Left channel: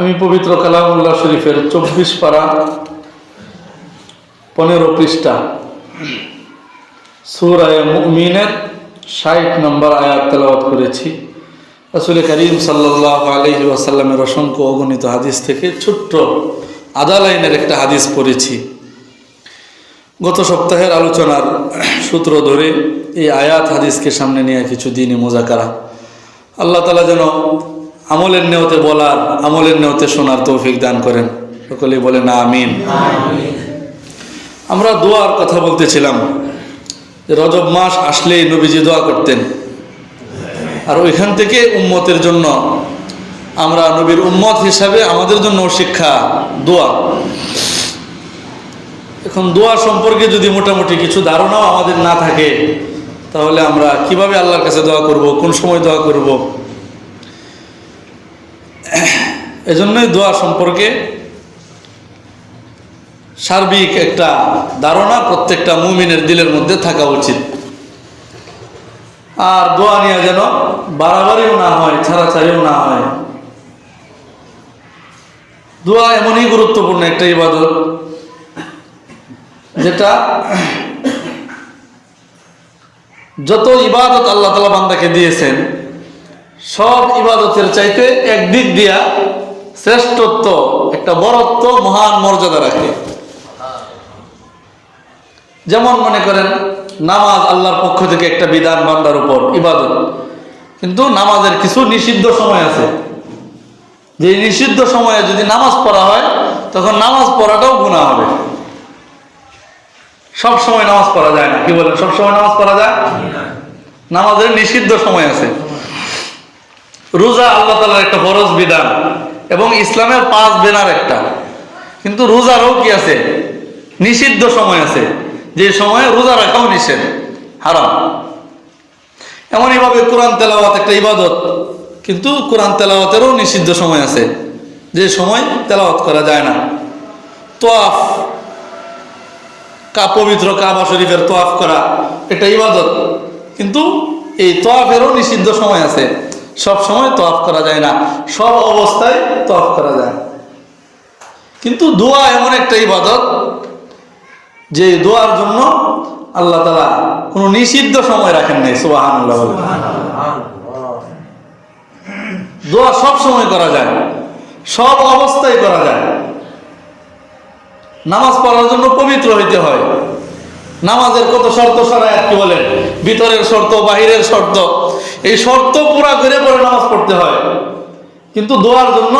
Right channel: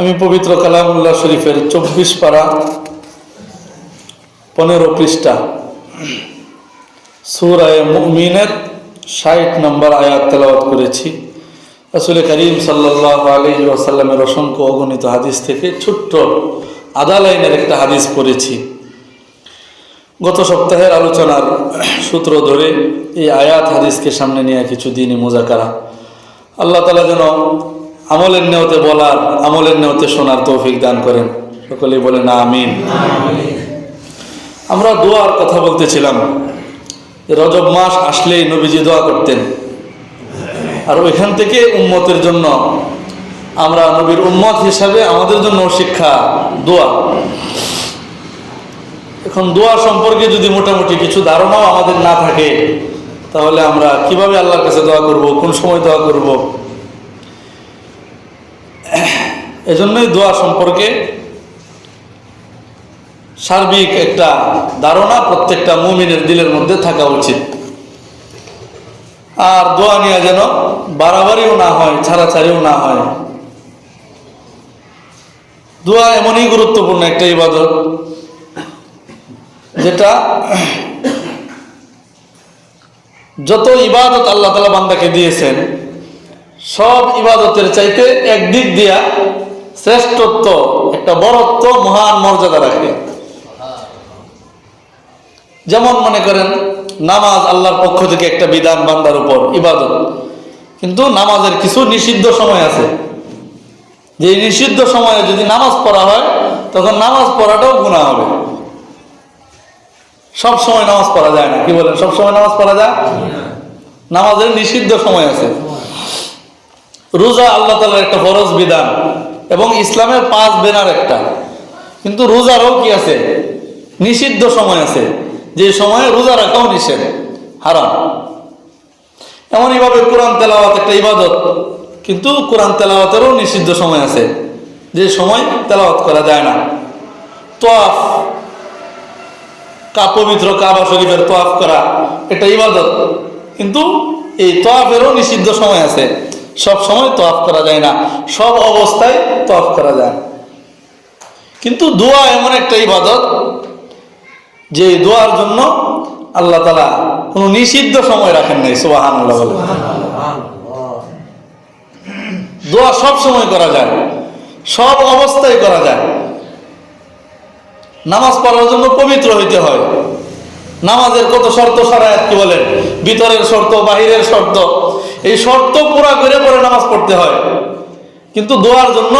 আমি পবিত্র কালামুল্লাহ শরীফের 24 পারা 15 পৃষ্ঠা সূরা মুমিনের 60 নম্বর আয়াত তেলাওয়াত করেছি। রাসূল করিম সাল্লাল্লাহু আলাইহি ওয়াসাল্লামের অসংখ্য অগণিত হাদিস থেকে ছোট্ট আধা লাইনের একটা হাদিস পড়েছি। গত সপ্তাহের আলোচনার সূত্র ধরে এই আয়াত হাদিসকে সামনে নিয়ে কিছু দিনই মুযাকারা। আল্লাহ তাআলা যেন আমলের নিয়তে বলার, আমলের নিয়তে শোনার তৌফিক দান করেন। সকলেই বলেন আমিন। আমরা দোয়ার কথা বলতেছিলাম। রজব মাস আসলেই নবীজি দোয়া করতেন, আর ওইখান থেকে উম্মতের জন্য, আমরা নবীর উম্মত হিসাবে আমাদের জন্য শিক্ষা দোয়া। এখন দোয়া সম্পর্কে যদি মোটামুটি কিছু ধারণাও আমাদের না থাকে, তাহলে আমরা কিভাবে আল্লাহর কাছে দোয়া করব, কোন সময় দোয়া করব? এজন্যই দোয়া সম্পর্কে সার্বিক একটা ধারণা প্রত্যেকটা মুমিনের দিলের মধ্যে থাকা উচিত। আর দোয়া নিয়ে যেন বাড়াবাড়িও না হয়, ছাড়াছাড়িও না হয়। দোয়া এমনই গুরুত্বপূর্ণ একটা ইবাদত, যেটা যত ইবাদত আল্লাহ তাআলা বান্দাকে দিয়েছেন, সব ইবাদতের চাইতে একদিক দিয়া শ্রেষ্ঠত্ব, একটা বড়ত্ব, মহান মর্যাদা রাখে। যেমন মনে করেন নামাজ আল্লাহর পক্ষ থেকে একটা বিধান, বান্দার উপর ইবাদত, কিন্তু নামাজের কিছু নিষিদ্ধ সময় আছে। যে নিষিদ্ধ সময়ে যদি নামাজ পড়া হয়, তখন নামাজ পড়াটাও গুনাহ হবে। সব সময় নামাজ পড়া যায় না, কি বলেন? সব সময় নামাজ পড়া যায়? নামাজের নিষিদ্ধ সময় আছে। রোজা আল্লাহ তাআলার একটা ফরজ বিধান এবং ইসলামের 5 বেনার একটা, কিন্তু রোজারও কি আছে? নিষিদ্ধ সময় আছে, যে সময়ে রোজা রাখাও নিষেধ, হারাম। এমনইভাবে কোরআন তেলাওয়াত একটা ইবাদত, কিন্তু কোরআন তেলাওয়াতেরও নিষিদ্ধ সময় আছে, যে সময় তেলাওয়াত করা যায় না। তোয়াফ, পবিত্র কাবা শরীফের তোয়াফ করা একটা ইবাদত, কিন্তু এই তোয়াফেরও নিষিদ্ধ সময় আছে। সব সময় তোয়াফ করা যায় না, সব অবস্থায় তোয়াফ করা যায়। কিন্তু দোয়া এমন একটা ইবাদত, যে দোয়ার জন্য আল্লাহ তাআলা কোনো নিষিদ্ধ সময় রাখেন নাই। সুবহানাল্লাহ। দোয়া সব সময় করা যায়, সব অবস্থায় করা যায়। নামাজ পড়ার জন্য পবিত্র হইতে হয়। নামাজের কত শর্ত শরায়াত, কি বলেন? ভিতরের শর্ত, বাহিরের শর্ত, এই শর্ত পুরা করে পরে নামাজ পড়তে হয়। কিন্তু দোয়ার জন্য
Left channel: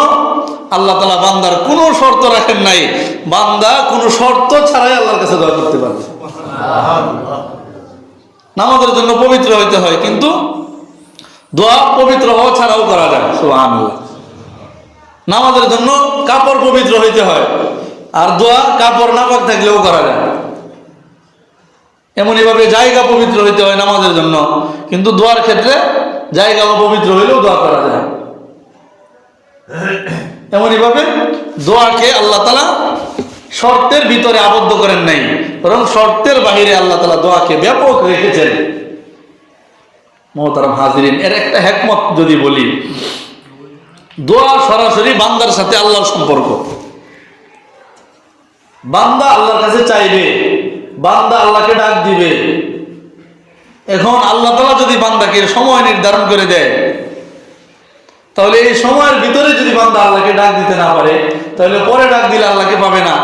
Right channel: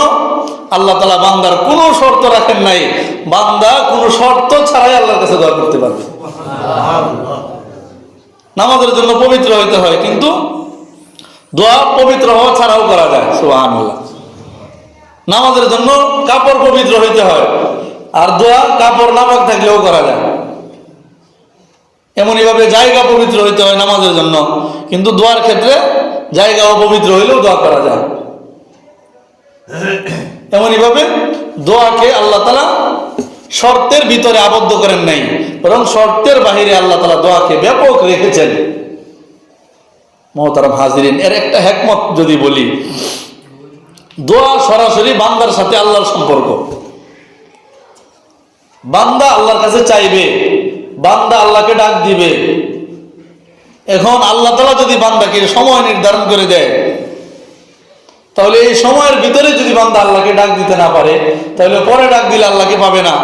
আল্লাহ তাআলা বান্দার কোনো শর্ত রাখেন নাই। বান্দা কোনো শর্ত ছাড়াই আল্লাহর কাছে দোয়া করতে পারবে। নামাজের জন্য পবিত্র হইতে হয়, কিন্তু দোয়া পবিত্র হওয়া ছাড়াও করা যায়। সুবহানাল্লাহ। নামাজের জন্য কাপড় পবিত্র হইতে হয়, আর দোয়া কাপড় নাপাক থাকলেও করা যায়। এমনইভাবে জায়গা পবিত্র হইতে হয় নামাজের জন্য, কিন্তু দোয়ার ক্ষেত্রে জায়গা অপবিত্র হইলেও দোয়া করা যায়। এমনইভাবে দোয়াকে আল্লাহ তাআলা শর্তের ভিতরে আবদ্ধ করেন নাই, বরং শর্তের বাহিরে আল্লাহ তাআলা দোয়াকে ব্যাপক রেখেছেন। মুহতারাম হাজিরিন, এর একটা হিকমত যদি বলি, দোয়া সরাসরি বান্দার সাথে আল্লাহর সম্পর্ক। বান্দা আল্লাহর কাছে চাইবে, বান্দা আল্লাহকে ডাক দিবে। এখন আল্লাহ তাআলা যদি বান্দাকে সময় নির্ধারণ করে দেয়, তাহলে এই সময়ের ভিতরে যদি বান্দা আল্লাহকে ডাক দিতে না পারে, তাহলে পরে ডাক দিলে আল্লাহকে পাবে না।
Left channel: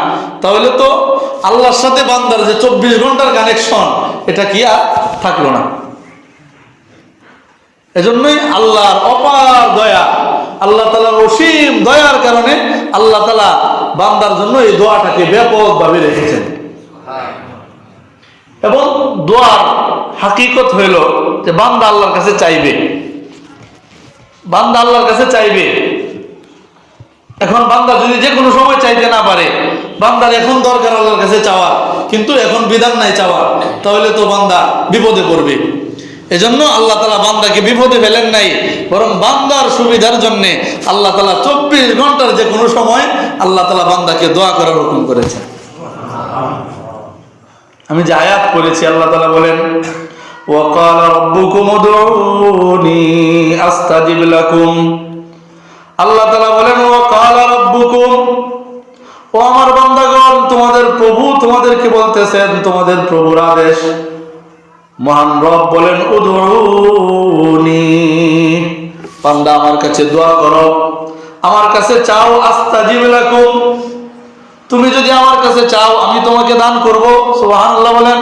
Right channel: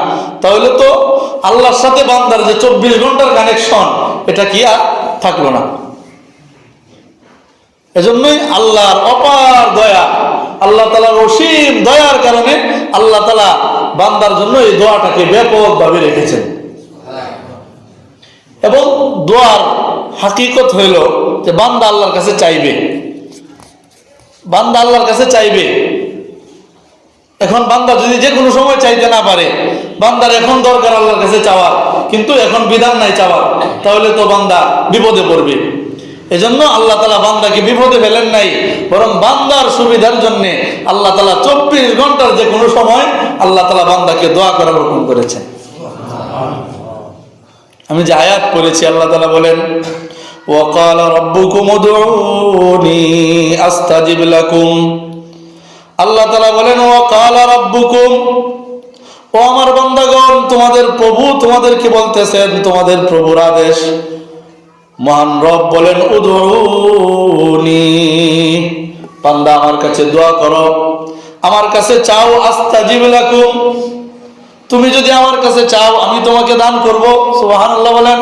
তাহলে তো আল্লাহর সাথে বান্দার যে 24 ঘন্টার কানেকশন, এটা কি আর থাকলো না। এজন্যই আল্লাহর অপার দয়া, আল্লাহ তাআলার অসীম দয়ার কারণে আল্লাহ তাআলা বান্দার জন্য এই দোয়াটাকে ব্যাপকভাবে রেখেছেন। এবং দোয়ার হাকিকত হইল যে বান্দা আল্লাহর কাছে চাইবে, বান্দা আল্লাহর কাছে চাইবে। এখন বান্দা যদি যে কোনো সময় চাইতে না পারে, বান্দার এখন দরকার আল্লাহর কাছে চাওয়া, কিন্তু এখন বিধান নাই চাওয়া, তাহলে তো বান্দা বিপদে পড়বে। এজন্য আল্লাহ তাআলা বান্দাকে বিপদে ফেলেন নাই, বরং বান্দার সুবিধার জন্য আল্লাহ তাআলা 24 ঘন্টার যে কোনো সময় আল্লাহ তাআলা বান্দাকে দোয়া করার হুকুম করেছেন। আমি যে আয়াত পড়েছি, আল্লাহ তাআলা বলেন, ওয়াকালা রাব্বুকুম উদউনি আস্তাজিব লাকুম। আল্লাহ তাআলা বলেন, ওয়াকালা আমার বান্দাগণ, তোমাদের প্রভু তোমাদেরকে বলতেছেন, তোমাদের প্রভুর আদেশ। মহান রব বলেন, উদউনি, বান্দা আমার কাছে দোয়া করো, আমার কাছে চাও, আস্তাজিব লাকুম, তুমি যদি আমার কাছে চাও আমি তোমাকে দান করব। সুবহানাল্লাহ বলেন।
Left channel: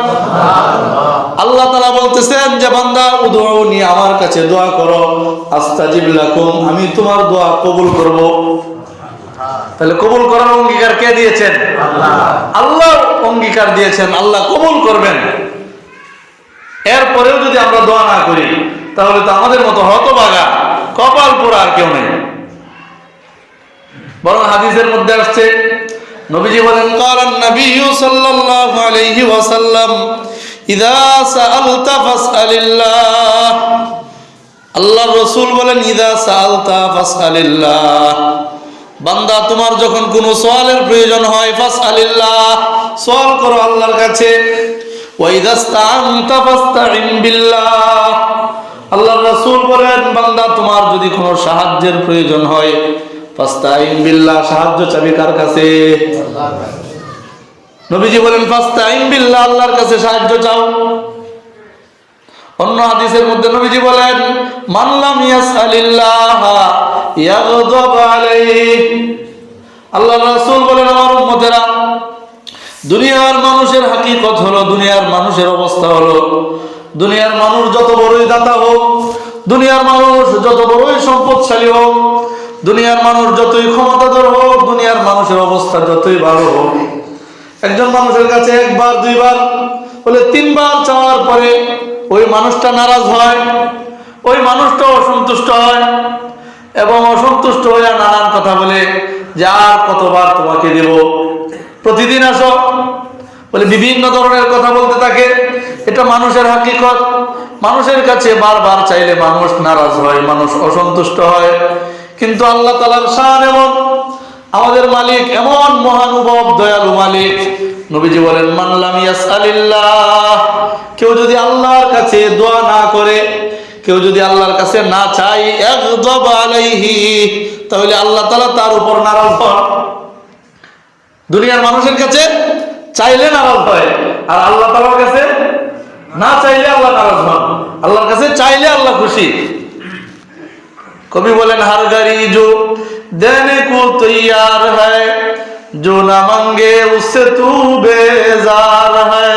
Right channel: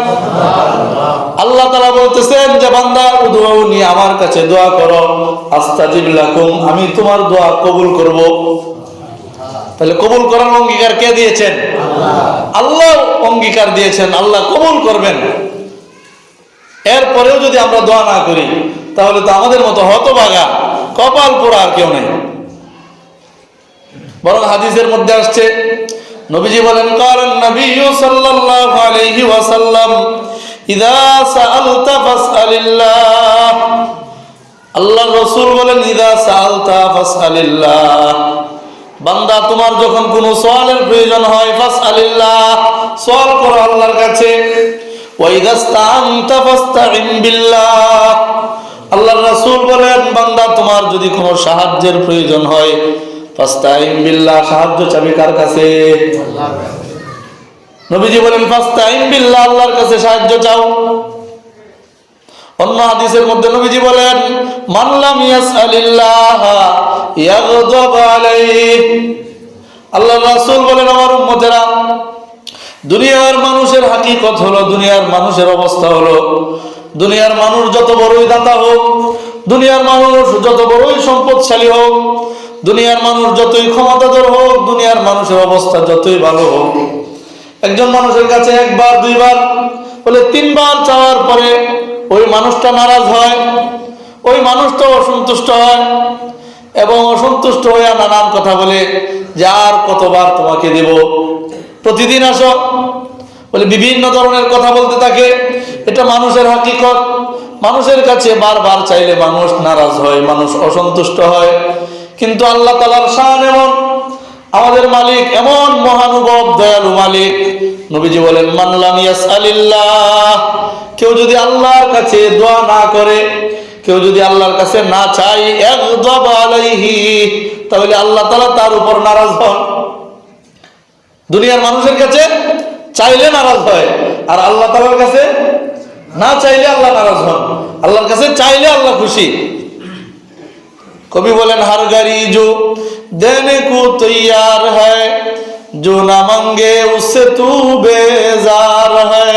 আল্লাহ তাআলা বলতেছেন যে বান্দা উদউনি, আমার কাছে দোয়া করো, আস্তাজিব লাকুম, আমি তোমার দোয়া কবুল করব। তাহলে কবুল করার অঙ্গীকার কে দিয়েছেন? আল্লাহ অঙ্গীকার দিয়েছেন, আল্লাহ কবুল করবেন। এরপরেও যদি আমরা দোয়া না করি তাহলে তো আমাদের মতো হতভাগা কপাল পোড়া আর কেউ নেই। বরং হাদিসের মধ্যে আসছে, নবীজি বলেন, কালান নবী সাল্লাল্লাহু আলাইহি ওয়াসাল্লাম, ইযা সাআলতা ফাসআলিল্লাহ, আল্লাহর রাসূল বলেন, ইযা সাআলতা ফাসআলিল্লাহ, বান্দা তোমার যখন কোনো সওয়ালের প্রয়োজন হয়, ফাসআলিল্লাহ, সওয়াল করো আল্লাহর কাছে। ওয়া ইযা ইসতাআনতা ফাসতাইন বিল্লাহ, আল্লাহর রাসূল বলেন, বান্দা তোমার যদি কোনো সাহায্যের প্রয়োজন হয়, ফাস্তাইন বিল্লাহ, সাহায্য চাবি কার কাছে? নবীজি বলেন, ফাস্তাইন বিল্লাহ, আল্লাহর কাছে সাহায্য চাও। অন্য হাদিসের মধ্যে নবীজি বলেন, মান লাম ইয়াসআলিল্লাহ ইয়াগদাব আলাইহি, আল্লাহর রাসূল বলেন, আমার উম্মতেরা, দুনিয়ার মানুষের হাকিকত হলো, দুনিয়ার মানুষের অবস্থা হলো, দুনিয়ার মানুষ যত বড়ই দাতা হোক, দুনিয়ার মানুষ যত বড়ই সম্পদশালী হোক, দুনিয়ার মানুষ যতই ক্ষমতাধর হোক, দুনিয়ার মানুষের অবস্থা যতই ভালো হোক, একজন মানুষের কাছে একবার দুইবার বলে তিনবার চাওয়ার পরে ওই মানুষটা নারাজ হয়, ওই মানুষটা অসন্তুষ্ট হয় এবং অসন্তুষ্ট হয়ে নানান কথা বলে যে আর কতবার তোমাকে দেব, প্রতিদিন আসো, বলে বিভিন্ন ধরনের কথা বলতে থাকে। এটা মানুষের হাকিকত। মানুষের কাছে বারবার চাইলে মানুষ নারাজ হয়, মানুষ অসন্তুষ্ট হয়। কিন্তু আল্লাহ তাআলার শান এমন, আমাদের মালিক এমন মহানুভব দয়ালু মালিক। নবীজি বলেন, মান লাম ইয়াসআলিল্লাহ, কেউ যদি আল্লাহর কাছে দোয়া না করে, কেউ যদি আল্লাহর কাছে না চায়, ইয়াগদাব আলাইহি, তাহলে আল্লাহ তাআলা তার উপর নারাজ হন। দুনিয়ার মানুষের কাছে চাইলে নারাজ হয়, আর আল্লাহ তাআলার কাছে না চাইলে আল্লাহ নারাজ হন। আল্লাহর কাছে চাইলে আল্লাহ খুশি। কবি বলেন, हर गरी जो देने को तैयार है, जो ना मांगे उससे तू बेजार है,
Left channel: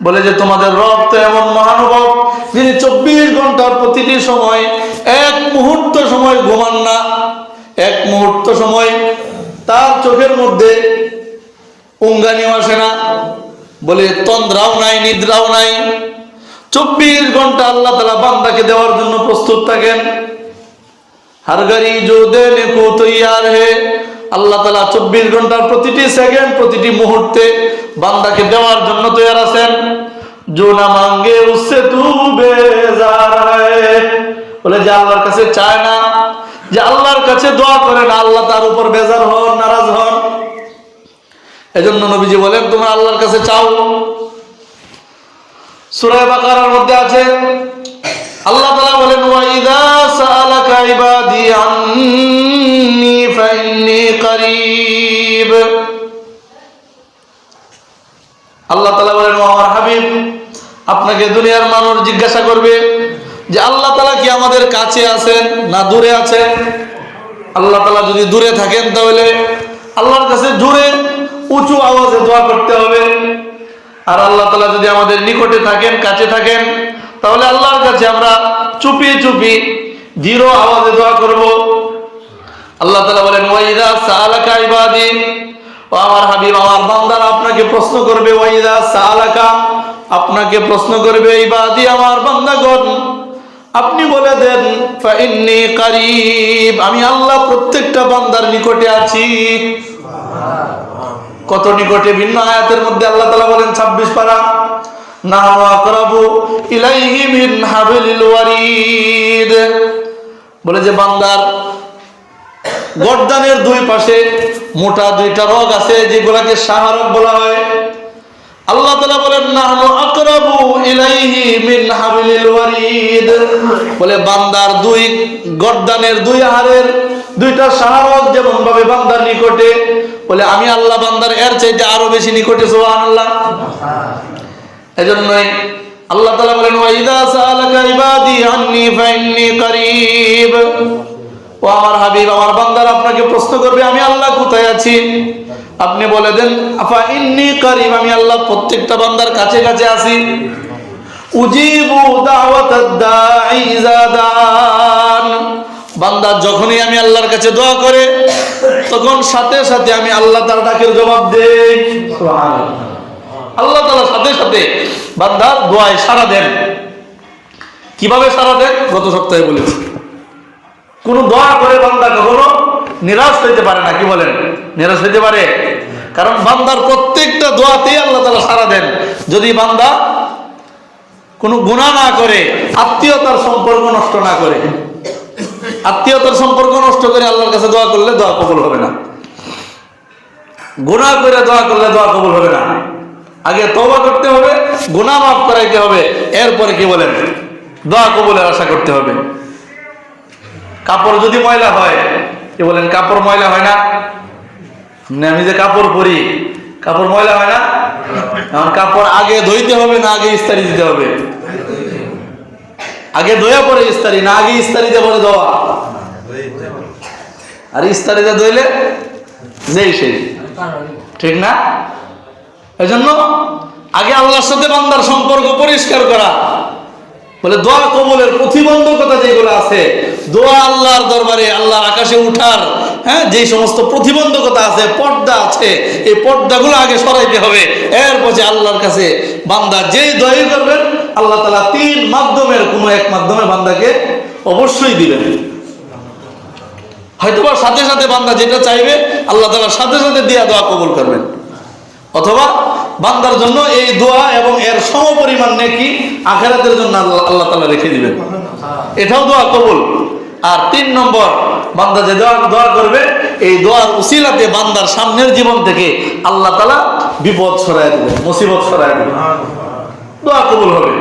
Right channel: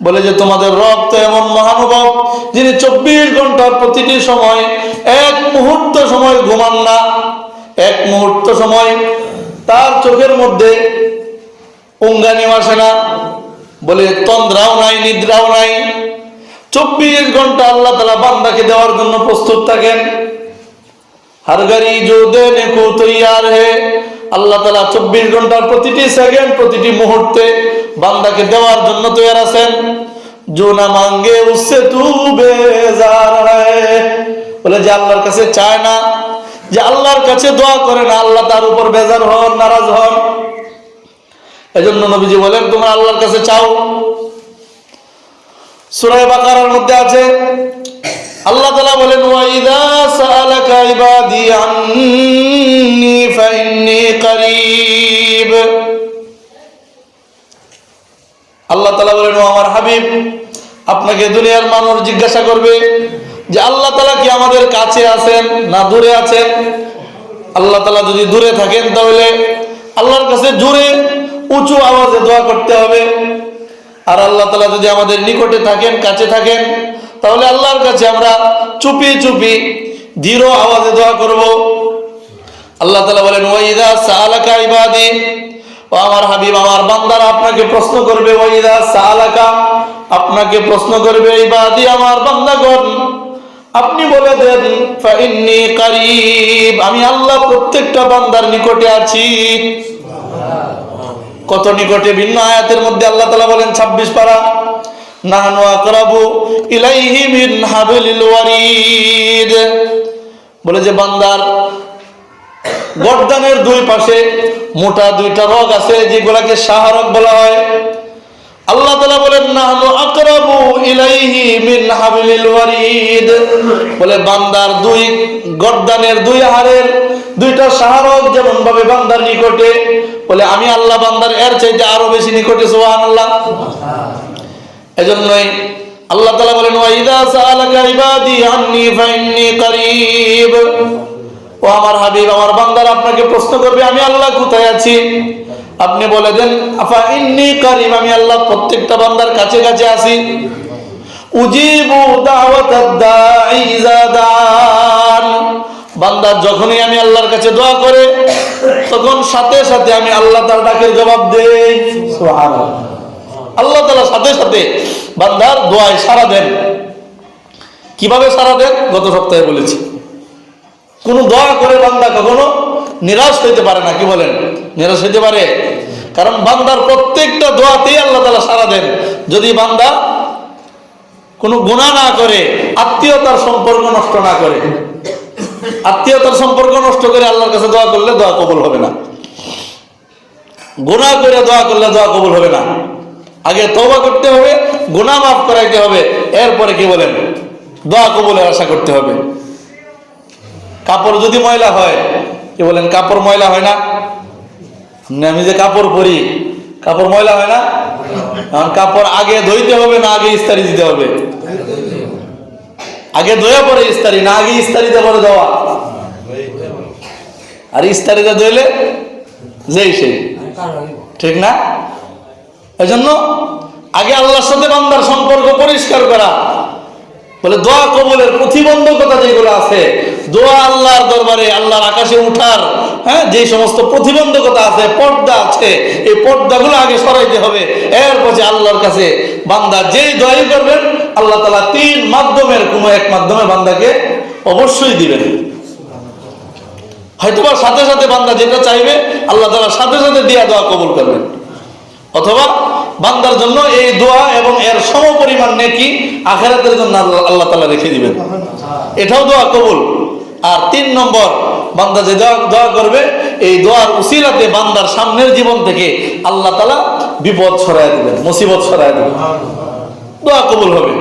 বলে যে তোমাদের রব তো এমন মহানুভব, যিনি 24 ঘন্টার প্রতিটি সময় এক মুহূর্ত সময় ঘুমান না, এক মুহূর্ত সময় তার চোখের মধ্যে উঙ্গানি আসে না, বলে তন্দ্রাও নাই, নিদ্রাও নাই। 24 ঘন্টা আল্লাহ তাআলা বান্দাকে দেওয়ার জন্য প্রস্তুত থাকেন। हर गरी जो देने को तैयार है, আল্লাহ তাআলা 24 ঘন্টার প্রতিটি সেকেন্ড, প্রতিটি মুহূর্তে বান্দাকে দেওয়ার জন্য তৈরি আছেন। जो ना मांगे उससे तू बेजार है, বলে যে আল্লাহর কাছে চায় না, যে আল্লাহর কাছে দোয়া করে না, আল্লাহ তার উপর বেজার হন, নারাজ হন। এজন্য নবীজি বলেন, তোমরা আল্লাহর কাছে চাও। সূরা বাকারার মধ্যে আছে, আল্লাহ তাআলা বলেন, ওয়া ইযা সাআলাকা ইবাদি আন্নী ফাইন্নী করিব, আল্লাহ তাআলা বলেন, ও আমার হাবিব, আপনাকে দুনিয়ার মানুষ জিজ্ঞাসা করবে যে আল্লাহ তাআলা কি আমাদের কাছে আছেন না দূরে আছেন। আল্লাহ তাআলা যদি দূরে থাকেন তাহলে আল্লাহর কাছে জোরে উঁচু আওয়াজে দোয়া করতে হবে, আর আল্লাহ তাআলা যদি আমাদের নিকটে থাকেন, কাছে থাকেন, তাহলে আল্লাহর কাছে আমরা চুপি চুপি ধীর আওয়াজে দোয়া করব। আল্লাহ তাআলা বলেন, ওয়া ইযা সাআলাকা ইবাদি, ও আমার হাবিব, আমার বান্দারা আপনাকে প্রশ্ন করবে, ওয়া ইযা সাআলাকা, আপনাকে প্রশ্ন করবে, ইবাদি, আমার বান্দাগণ, আপনি বলে দেন, ফাইন্নী করিব, আমি আল্লাহ প্রত্যেকটা বান্দার নিকটে আছি। কত নিকটে! ভিন্ন আয়াতের মধ্যে আল্লাহ তাআলা বলেন, 26 পারা, নাহনু আকরাবু ইলাইহি মিন হাবলিল ওয়ারিদ, বলে যে বান্দার গর্দানের দুই পাশে মোটা দুইটা রগ আছে, যেগুলাকে শাহরগ বলা হয়। আল্লাহ তাআলা বলেন নাহনু আকরাবু ইলাইহি মিন হাবলিল ওয়ারিদ, বলে বান্দার দুই গর্দানের দুই হাড়ের দুইটা শাহরগ যেমন ভাবে বান্দার নিকটে, বলে আমি আল্লাহ বান্দার এর চাইতে আরো বেশি নিকটে। সুবহানাল্লাহ। এজন্যই আল্লাহ তাআলা বলেন ওয়া ইযা সাআলাকা ইবাদি আন্নী ফাইন্নী করিব, ও আমার হাবিব, আমার বান্দারা আপনাকে প্রশ্ন করবে আমি আল্লাহ কোথায় আছি, আপনি বলে দেন আফা ইন্নী করিব, আমি আল্লাহ প্রত্যেকটা বান্দার কাছে কাছে আছি। উজিবু দাওয়াতাদ দাঈ ইযা দান, বান্দা যখনই আমি আল্লাহর কাছে দোয়া করে তখন সাথে সাথে আমি আল্লাহ তার ডাকের জবাব দেই। সুবহানাল্লাহ। আল্লাহ তাআলা সাথে সাথে বান্দার দোয়ায় সাড়া দেন। কিভাবে সাড়া দেন গত সপ্তাহে বলেছি। কোন দোয়া করে বান্দা কখনো নিরাশ হইতে পারে না। কি বলেন? নিরাশ হইতে পারে? কারণ বান্দার প্রত্যেকটা দোয়াতেই আল্লাহ তাআলা সাড়া দেন, যদি বান্দা কোনো গুনাহ না করে, আত্মীয়তার সম্পর্ক নষ্ট না করে। আত্মীয়তার সম্পর্ক নষ্ট করে আল্লাহর কাছে দোয়া করলে দোয়া কবুল হবে না। গুনাহ করে দোয়া করলে দোয়া কবুল হবে না। আগে তওবা করতে হবে, গুনাহ মাফ করাইতে হবে, এরপরে কি বলেন দোয়া কবুলের আশা করতে হবে। কাপড় যদি ময়লা হয়, কি বলেন কাপড় ময়লা হয় না? আমি যে কাপড় পরি, কাপড় ময়লা হয় না? এখন কাপড় আগে ধুইতে হবে না আগে ইস্তারি দিতে হবে? আগে ধোয়া পরে ইস্তারি, না আগে ইস্তারিতে পরে ধোয়া? আর ইস্তারিতে ধুইলে যেই সেই, ঠিক না? এই জন্য আগে আল্লাহর সাথে বান্দার সম্পর্ক পরিষ্কার করা। বলে দোয়া কবুলের প্রতিবন্ধকতা যেগুলো আছে, দোয়া আল্লাহর দরবারে আল্লাহর আকাশে উঠার যে সমস্ত প্রতিবন্ধকতা আছে, পর্দা আছে, এই পর্দাগুলো আগে সরাইতে হবে। এরপর আল্লাহর কাছে বান্দা যেই দোয়াই করবেন আল্লাহ তাআলা তিন মাধ্যমের কোনো এক মাধ্যমে বান্দাকে অবশ্যই দিবেন। হয়তোবা সাথে সাথে বান্দা যেটা চাইবে আল্লাহ তাআলা সাথে সাথে দিয়া দোয়া কবুল করবেন, অথবা বান্দার জন্য এই দোয়া এবং এর সমপরিমাণ নেকি আখিরাতের জন্য আল্লাহ তাআলা রেখে দিবেন, এটাও দোয়া কবুল। আর তিন নম্বর, বান্দা যে দোয়া করবে এই দোয়ার উসিলাতে বান্দার সামনের জীবন থেকে আল্লাহ তাআলা বিপদ সরায় দিবেন, মুসিবত সরায় দিবেন, দোয়া কবুল হবে।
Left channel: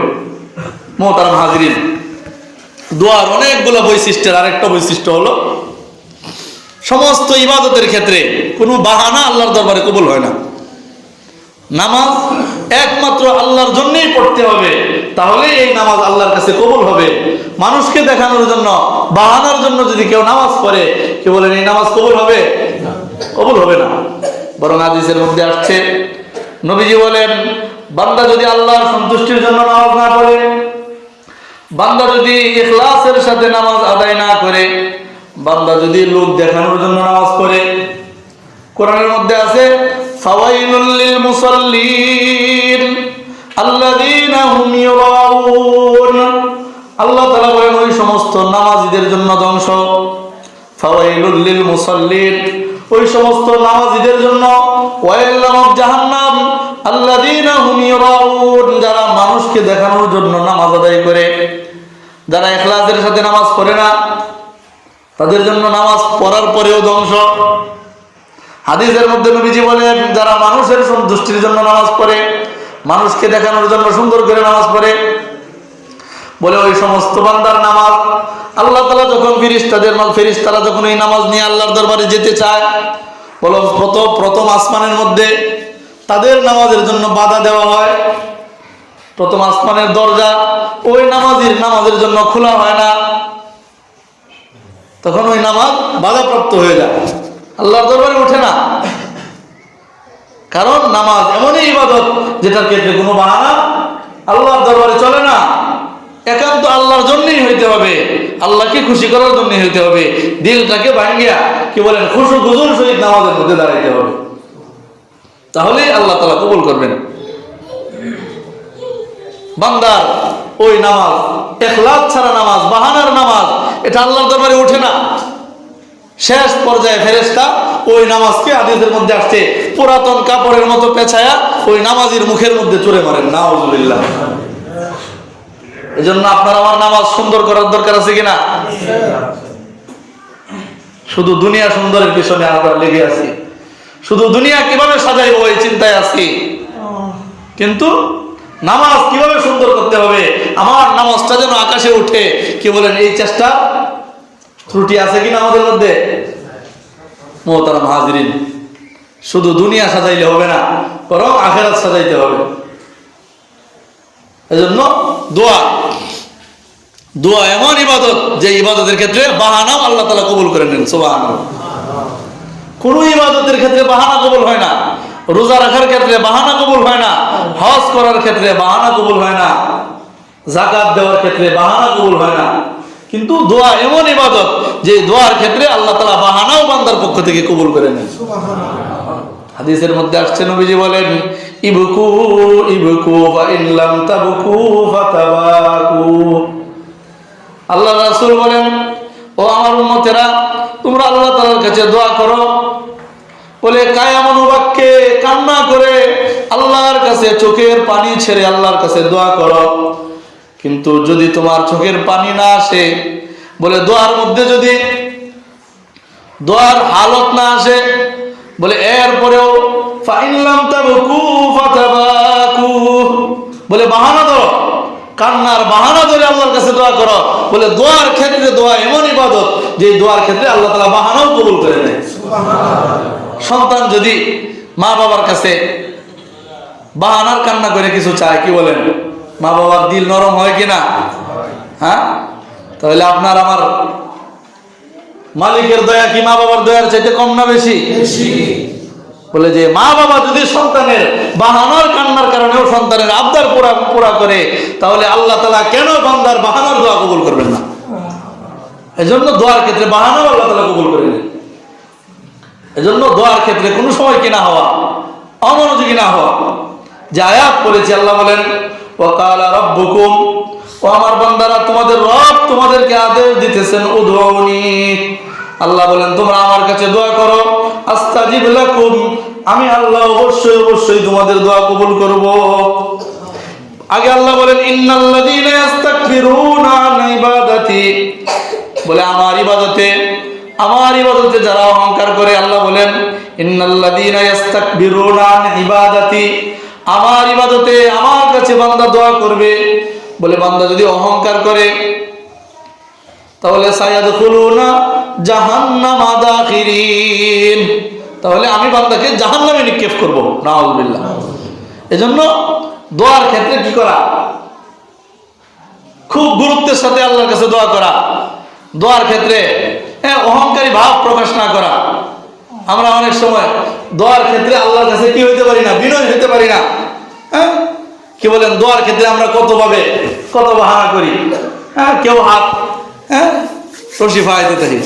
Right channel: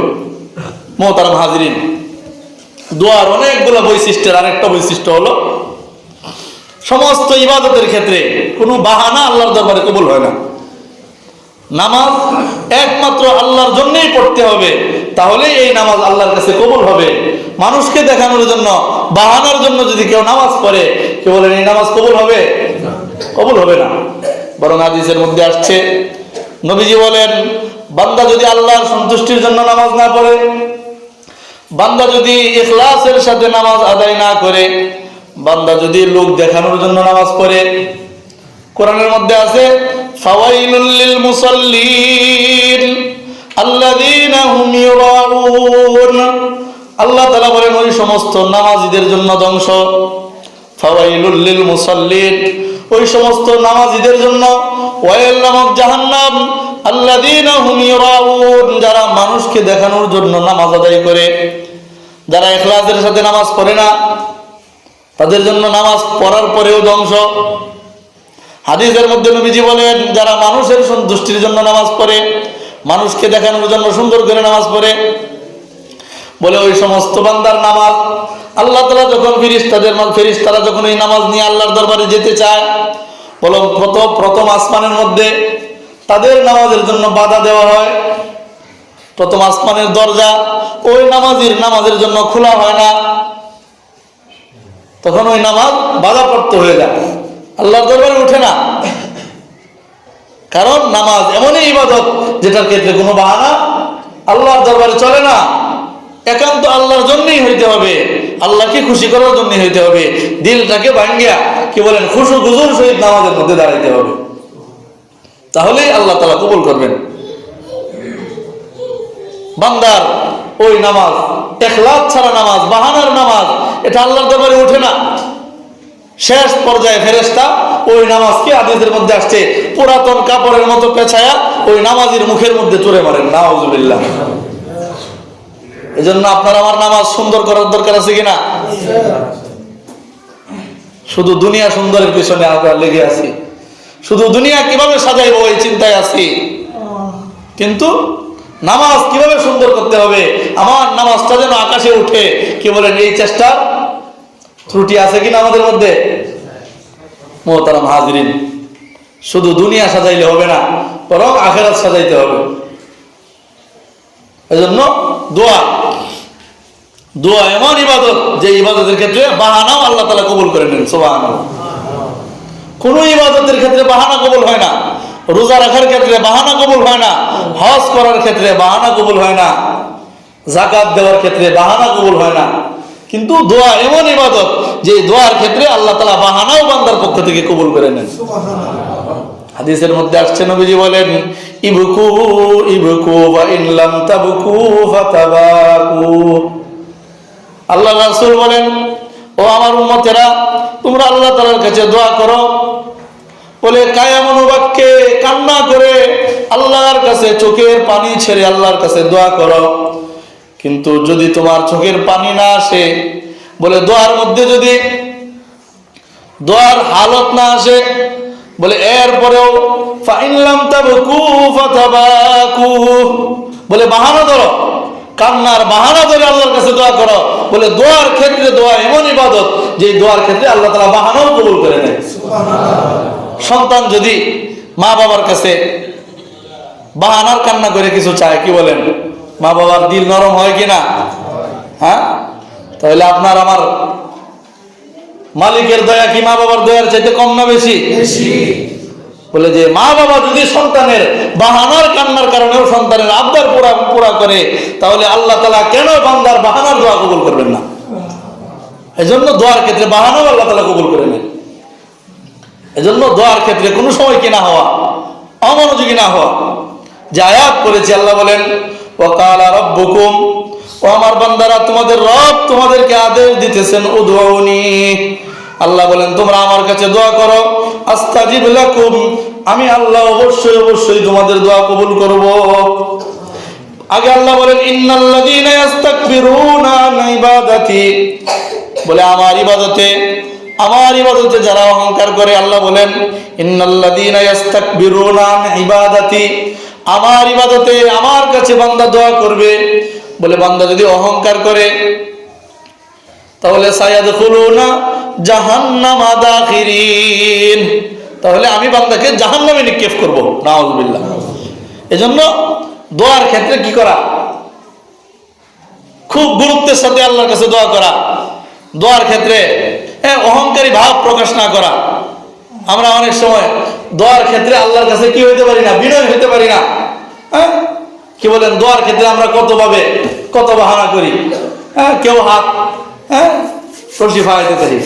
মুহতারাম হাজিরিন, দোয়ার অনেকগুলো বৈশিষ্ট্যের আরেকটা বৈশিষ্ট্য হলো সমস্ত ইবাদতের ক্ষেত্রে কোনো বাহানা আল্লাহর দরবারে কবুল হয় না। নামাজ একমাত্র আল্লাহর জন্যই পড়তে হবে, তাহলে এই নামাজ আল্লাহর কাছে কবুল হবে। মানুষকে দেখানোর জন্য, বাহানার জন্য যদি কেউ নামাজ পড়ে, কি বলেন এই নামাজ কবুল হবে? কবুল হবে না। বরং হাদিসের মধ্যে আসছে, নবীজি বলেন বান্দা যদি আল্লাহর সন্তুষ্টির জন্য নামাজ না পড়ে, বান্দা যদি ইখলাসের সাথে নামাজ আদায় না করে, বান্দা যদি লোক দেখানোর জন্য নামাজ পড়ে, কোরআনের মধ্যে আছে ফাওয়াইলুল লিল মুসাল্লিন আল্লাযীনা হুম ইউরাউন, আল্লাহ তাআলা বলেন ওই সমস্ত নামাজীদের জন্য ধ্বংস। ফাওয়াইলুল লিল মুসাল্লিন, ওই সমস্ত নামাজীদের জন্য ওয়াইল নামক জাহান্নাম। আল্লাযীনা হুম ইউরাউন, যারা মানুষকে দেখানোর জন্য নামাজ আদায় করে, যারা ইখলাসের সাথে নামাজ পড়ে না, তাদের জন্য নামাজ পড়ার পরেও ধ্বংস। হাদিসের মধ্যে নবীজি বলেন যারা মানুষের সন্তুষ্টির জন্য নামাজ পড়ে, মানুষকে দেখানোর জন্য সুন্দর করে নামাজ পড়ে, বলে ওই সমস্ত বান্দার নামাজ আল্লাহ তাআলা যখন ফেরেশতারা যখন এই নামাজ নিয়ে আল্লাহর দরবারে যেতে চায়, বলো প্রথম আসমানের মধ্যে তাদের নামাজের জন্য বাধা দেওয়া হয়। প্রথম আসমানের দরজা ওই নামাজের জন্য খোলা হয় না, তখন ওই নামাজ বাধাপ্রাপ্ত হয়ে যায়, আল্লাহর দরবারে ওঠে না। কারণ নামাজ এমনই ইবাদত যেটার ক্ষেত্রে কোনো বাহানা আল্লাহর দরবারে চলে না, একান্ত আল্লাহর জন্যই হইতে হবে, আল্লাহকে খুশি করার জন্যই হইতে হবে। দিলটাকে ভাঙ্গিয়া কি বলেন খুশু খুজুর সহিত নামাজের মধ্যে দাঁড়াইতে হবে, তাহলেই আল্লাহ তাআলা কবুল করবেন। বান্দার ওই নামাজ ইখলাস ছাড়া নামাজ, বাহানার নামাজ, এটা আল্লাহর দরবারে ওঠে না। শেষ পর্যায়ে ফেরেশতা ওই নামাজকে, হাদিসের মধ্যে আসছে, পুরাতন কাপড়ের মতো পেঁচায়া ওই নামাজের মুখের মধ্যে চুরে মারেন। নাউযুবিল্লাহ। এজন্য আপনার আমার নামাজ সুন্দর করার দরকার আছে কিনা? শুধু দুনিয়া সুন্দরের পিছনে আমরা লেগে আছি, শুধু দুনিয়া কিভাবে সাজাইবো এই চিন্তায় আছি। কিন্তু নামাজ কিভাবে সুন্দর করতে হবে, আমার নামাজটা যেন আকাশে উঠে, কি বলেন, এই চেষ্টা ত্রুটি আছে কিনা আমাদের মধ্যে? মুহতারাম হাজিরিন, শুধু দুনিয়া সাজাইলে হবে না, বরং আখিরাত সাজাইতে হবে। এজন্য দোয়া দোয়া এমন ইবাদত যে ইবাদতের ক্ষেত্রে বাহানাও আল্লাহ তাআলা কবুল করে নেন। সুবহানাল্লাহ। কোন ইবাদতের ক্ষেত্রে বাহানা কবুল হয় না। রোজা রাখার ক্ষেত্রে বাহানা কবুল হয় না, হজ করার ক্ষেত্রে বাহানা কবুল হয় না, যাকাত দেওয়ার ক্ষেত্রে বাহানা কবুল হয় না। কিন্তু দোয়া এমন ইবাদত যে দোয়ার ক্ষেত্রে আল্লাহ তাআলা বাহানাও বান্দার পক্ষ থেকে কবুল করে নেন। হাদিসের মধ্যে আসছে, নবীজি বলেন, ইবকু ইবকু ওয়া ইন লাম তাবকু ফাতাবাকু। আল্লাহ রাসূল বলেন, ও আমার উম্মতেরা, তোমরা আল্লাহ তাআলার কাছে দোয়া করো, বলে কায়াম অনুবাক্যে কান্না করে আল্লাহর কাছে চোখের পানি ছেড়ে আল্লাহর কাছে দোয়া করো। কিন্তু যদি তোমার চোখের পানি না আসে, বলে দোয়ার মধ্যে যদি দোয়ার হালত না আসে, বলে এরপরেও ফাইন লাম তাবকু ফাতাবাকু, বলে বাহানা ধরো, কান্নার বাহানা ধরে আল্লাহর কাছে দোয়া করো। বলে দোয়ার ক্ষেত্রে দোয়া এমন ইবাদত যে দোয়ার ক্ষেত্রে আল্লাহ তাআলা বাহানাও কবুল করে নেয়। সন্তান যদি মা বাবার কাছে বাহানার কান্না করে কিছু চায়, কি বলেন, মা বাবার দিল নরম হয় কিনা? হ্যাঁ, তাহলে আপনার আমার মালিকের দয়া কি মা বাবার দয়ার চাইতে কম না বেশি? বলে যে মা বাবা যদি সন্তানের বাহানার কান্নার কারণেও সন্তানের আবদার পুরা করে, তাহলে আল্লাহ তাআলা কেন বান্দার বাহানার দোয়া কবুল করবেন না? এজন্য দোয়ার ক্ষেত্রে বাহানাও আল্লাহ তাআলা কবুল করে নেন। এজন্য দোয়ার ক্ষেত্রে কোনো সময় কি না হওয়া, অমনোযোগী না হওয়া। যে আয়াত করেছি, আল্লাহ বলেন, ওয়াকালা রাব্বুকুম, ও আমার বান্দারা, তোমাদের রব তোমাদেরকে আদেশ দিতেছেন, উদউনি, আল্লাহ বলেন তোমরা আমার কাছে দোয়া করো, আস্তাজিব লাকুম, আমি আল্লাহ অবশ্যই অবশ্যই তোমাদের দোয়া কবুল করব। আগে আল্লাহ বলেন, ইন্নাল্লাযীনা ইস্তাকবিরুনা আন ইবাদাতি, বলে আমার ইবাদতে যারা অহংকার করে, আল্লাহ বলেন, ইন্নাল্লাযীনা ইস্তাকবিরুনা আন ইবাদাতি, আমার ইবাদতে আমার কাছে বান্দা দোয়া করবে, বলে বান্দা যদি অহংকার করে, তাহলে সায়াদখুলুনা জাহান্নামা দাখিরিন, তাহলে আমি বান্দাকে জাহান্নামে নিক্ষেপ করব। নাউযুবিল্লাহ। এজন্য দোয়ার ক্ষেত্রে কি করা, খুব গুরুত্বের সাথে আল্লাহর কাছে দোয়া করা। দোয়ার ক্ষেত্রে অহংকারী ভাব প্রকাশ না করা। আমরা অনেক সময় দোয়ার ক্ষেত্রে আল্লাহর কাছে কি হইতে পারি না, বিনয় হইতে পারি না। হ্যাঁ, কি বলেন, দোয়ার ক্ষেত্রে আমরা কত বাহানা করি। হ্যাঁ, কেউ হাত কলসি ফায়াইতে পারি,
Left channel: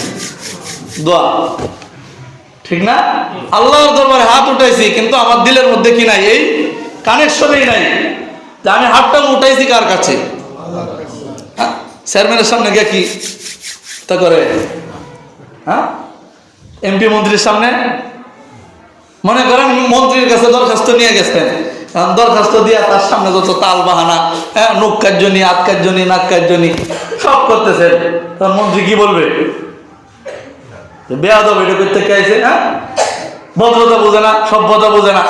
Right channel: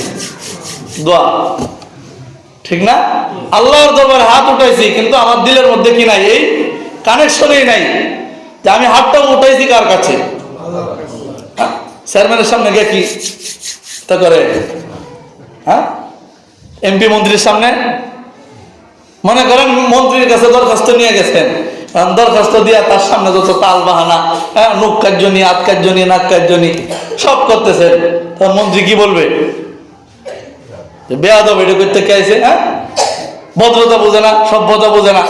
দোয়া ঠিক না? আল্লাহর দরবারে হাত উঠাইছি, কিন্তু আমার দিলের মধ্যে কি নাই, এই কানেকশনই নাই যে আমি হাতটা উঠাইছি কার কাছে। চেয়ারম্যানের সামনে গিয়ে কি তা করে, হ্যাঁ, এমপি মন্ত্রীর সামনে, মনে করেন মন্ত্রীর কাছে দরখাস্ত নিয়ে গেছেন, দরখাস্ত দিয়া তার সামনে যত তাল বাহানা, নুক কার্যনি, আত কার্যনি, নাক কার্যনি সব করতেছেন, তখন মন্ত্রী কি বলবে, বেয়াদব, এটা করতে কে আইছে? হ্যাঁ, ভদ্রতা বোঝে না, সভ্যতা বোঝে না,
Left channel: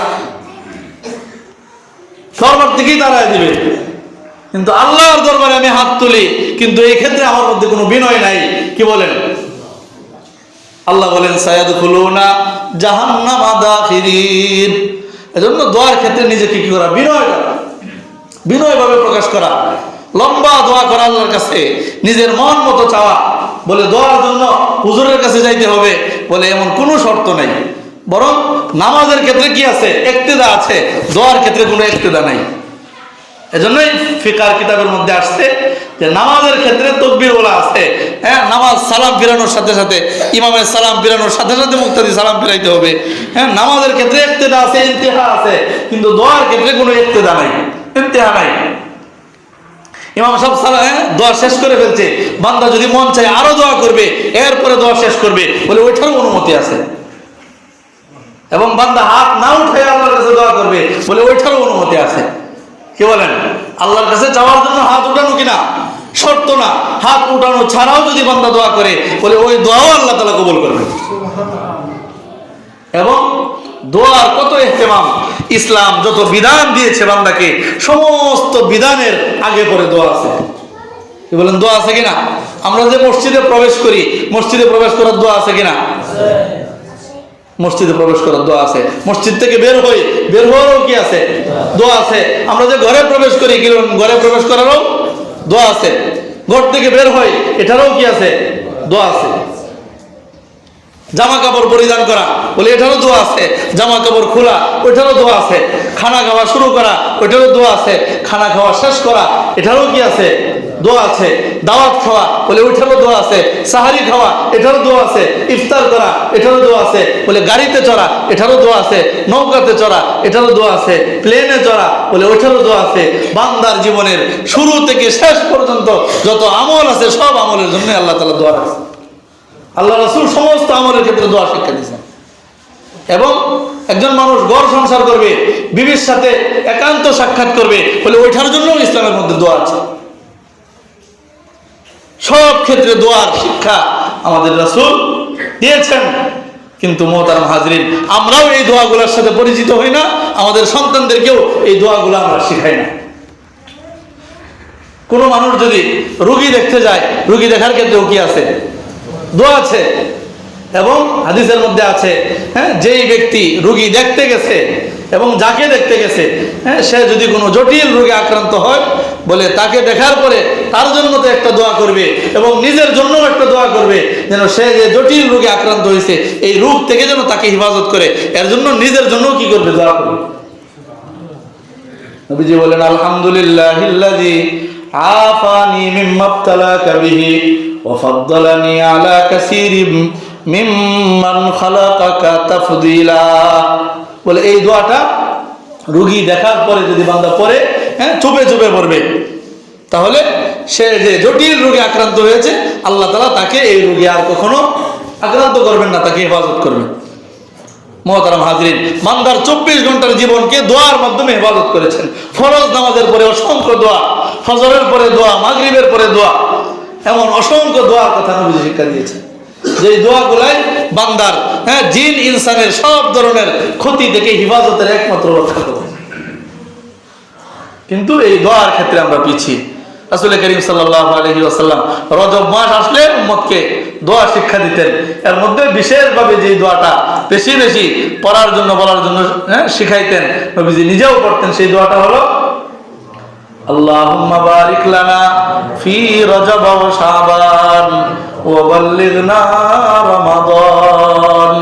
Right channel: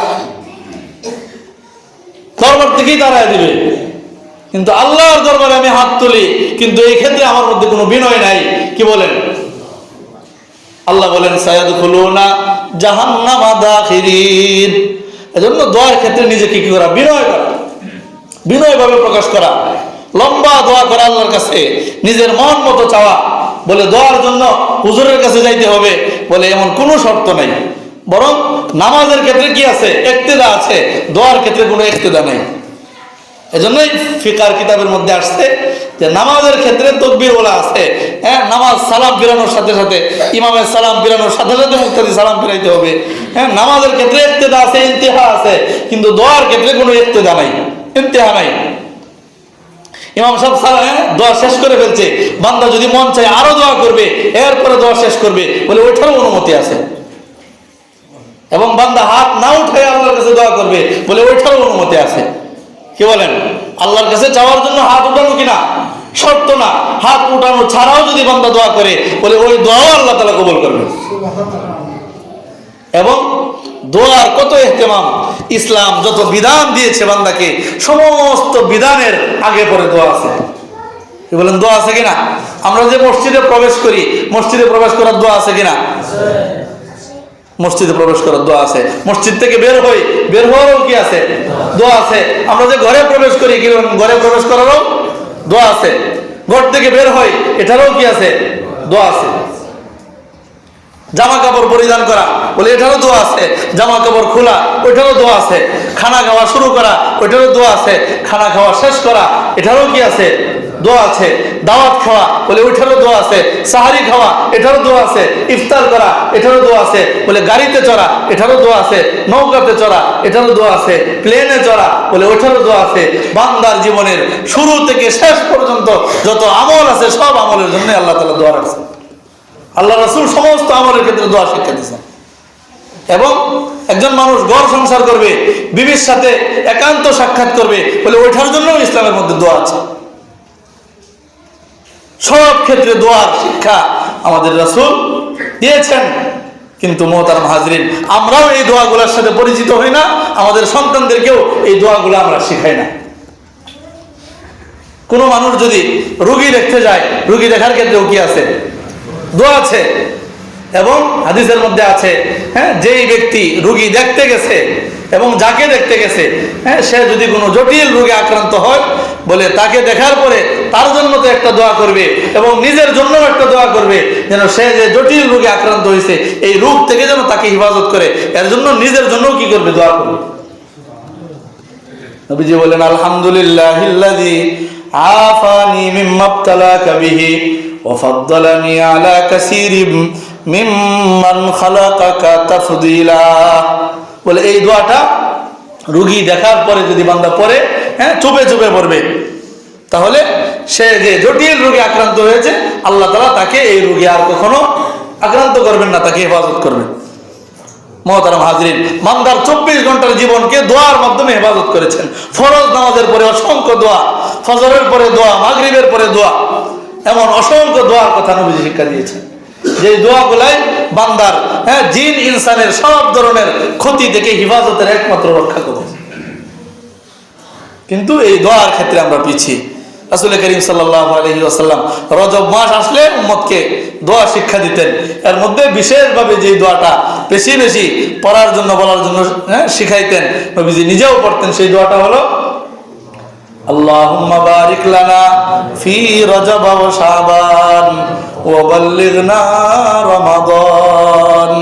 দরবার থেকেই তাড়ায় দিবে। কিন্তু আল্লাহর দরবারে আমি হাত তুলি, কিন্তু এই ক্ষেত্রে আমার মধ্যে কোনো বিনয় নাই। কি বলেন, আল্লাহ বলেন, সায়াদখুলুনা জাহান্নামা দাখিরিন। এজন্য দোয়ার ক্ষেত্রে নিজেকে কি করা, বিনয় ভাবে প্রকাশ করা, লম্বা দোয়া করা আল্লাহর কাছে, নিজের মন মতো চাওয়া। বলে দোয়ার জন্য হুজুরের কাছে যাইতে হবে, বলে এমন কোনো শর্ত নেই। বরং নামাজের ক্ষেত্রে কি আছে, ইক্তেদা আছে, দোয়ার ক্ষেত্রে কোনো ইক্তেদা নাই। এজন্যই ফিকার কিতাবের মধ্যে আসছে যে নামাজের ক্ষেত্রে তাকবীর বলা আছে। হ্যাঁ, নামাজ সালাম ফিরানোর সাথে সাথে, ইমামের সালাম ফিরানোর সাথে সাথে মুক্তাদি সালাম ফিরাইতে হবে। হ্যাঁ, নামাজের ক্ষেত্রে ইক্তেদা আছে, ইন্তেহা আছে, কিন্তু দোয়ার ক্ষেত্রে কোনো ইক্তেদা নাই, ইন্তেহা নাই। ইমাম সাহেব দোয়া শেষ করে ফেলছে, বান্দা যদি মন চায় আরো দোয়া করবে, এরপরে দোয়া শেষ করবে, বলে ওইটারও অনুমতি আছে। এবং বান্দা হাত না উঠে আল্লাহর কাছে দোয়া করবে, বলে ওইটারও অনুমতি আছে। কি বলেন, আল্লাহর কাছে যাওয়ার জন্য হাত উঠানো কিনা শর্ত না, হাত উঠানো ছাড়াও যদি বান্দা দোয়া করে, বলে ওই দোয়াও আল্লাহ তাআলা কবুল করবে। এবং দোয়ার কত ইহতিমাম। ইসলাম যত বিধান দিয়েছে বান্দাকে, সমস্ত বিধানের আগে পরে দোয়া আছে। কি বলেন, দোয়া আছে কিনা? আমরা যে মসজিদে প্রবেশ করি, মসজিদে প্রবেশ করার দোয়া আছে কিনা? মসজিদে প্রবেশ করার দোয়া আছে। মসজিদ থেকে বের হই, বের হওয়ারও কি আছে? দোয়া আছে। আমরা যে ঘরে প্রবেশ করি, কি ঘরে প্রবেশ করারও দোয়া আছে। ঘর থেকে বের হই, এটারও কি আছে? দোয়া আছে। জামা কাপড় পরিধান করা, বলে এটারও দোয়া আছে। জামা কাপড় খোলা, ওইটারও দোয়া আছে। খানা খাওয়া শুরু করা, ওইটারও দোয়া আছে। খানা খাওয়া শেষ করা, এটারও কি আছে? দোয়া আছে। দাওয়াত খাওয়া, বলে ওইটারও দোয়া আছে। সাহারি খাওয়া, এটারও দোয়া আছে। ইফতার করা, এটারও দোয়া আছে। বলে গাড়িতে চড়া, এটারও দোয়া আছে। নৌকাতে চড়া, এটারও দোয়া আছে। প্লেনে চড়া, বলে ওইটারও দোয়া আছে। বান্দার জীবনের শুরু থেকে শেষ পর্যন্ত যত আমল আছে, সব আমলের জন্য আল্লাহ তাআলা দোয়া রাখছে। আল্লাহ রাসূল সমস্ত আমলের ক্ষেত্রে দোয়া শিক্ষা দিয়েছেন। এবং একজন মানুষ ঘর সংসার করবে, বিবির সাথে একান্ত সাক্ষাৎ করবে, বলে ওইটার জন্য ইসলামের মধ্যে দোয়া আছে। সব ক্ষেত্রে দোয়ার শিক্ষা আমাদের রাসূল দিয়েছেন। কিন্তু মুহতারাম হাজরিন, আমরাও এই দোয়াগুলোর সাথে পরিচিত হই না, আমাদের সন্তানদেরকেও এই দোয়াগুলো আমরা শিখাই না। কোনো মানুষ যদি রোগী দেখতে যায়, রোগী দেখার ক্ষেত্রেও কি আছে? দোয়া আছে। এবং হাদিসের মধ্যে আছে, যেই ব্যক্তি রোগী দেখতে গেছে এবং যাকে দেখতে গেছে, সে যদি কোনো জটিল রোগে আক্রান্ত হয়, বলে তাকে দেখার পরে তার জন্য তো একটা দোয়া করবে এবং নিজের জন্য একটা দোয়া করবে, যেন সে যে জটিল রোগে আক্রান্ত হয়েছে এই রোগ থেকে যেন তাকে হেফাজত করে, এর জন্য নিজের জন্য কি করবে? দোয়া করবে। নবীজি বলেন, আলহামদুলিল্লাহিল্লাযী আফানি মিম্মা ইবতালাকা বিহি ওয়া ফাদ্দালানি আলা কাসীরিম মিম্মান খালাকাকা তাফদীলা। বলে এই দোয়াটা রোগী দেখার পরে যদি বান্দা পড়ে, চুপে চুপে পড়বে, তাহলে সে যে জটিল রোগে আক্রান্ত হয়েছে, আল্লাহ তাআলা তাকে এই রোগে আর কখনো আক্রান্ত করবেন না, তাকে হেফাজত করবেন। মুহতারাম হাজরিন, বান্দার 24 ঘন্টার জীবনকে দোয়ার মাধ্যমে হেফাজত করেছেন। ফরজ নামাজের পরে অসংখ্য দোয়া, ফজরের পরে দোয়া, মাগরিবের পরে দোয়া, এমন অসংখ্য দোয়ার কথা নবীজি শিক্ষা দিয়েছেন, যে দোয়াগুলাই বান্দার জিন ইনসানের সব ধরনের ক্ষতি থেকে হেফাজতের একমাত্র রক্ষা করবে। কিন্তু এই দোয়ার ক্ষেত্রে আমরা পিছিয়ে। রাসূল করিম সাল্লাল্লাহু আলাইহি ওয়াসাল্লাম রজব মাস আসলে উম্মতকে দোয়া শিক্ষা দিতেন। এর মধ্যে বিশেষভাবে যে দোয়াটা বেশি বেশি পড়ার জন্য, বলার জন্য শিখাইতেন, নবীজি নিজেও পড়তেন, সেই দোয়াটা হলো আল্লাহুম্মা বারিক লানা ফি রজব ওয়া শাবান ওয়া বাল্লিগনা রমাদান।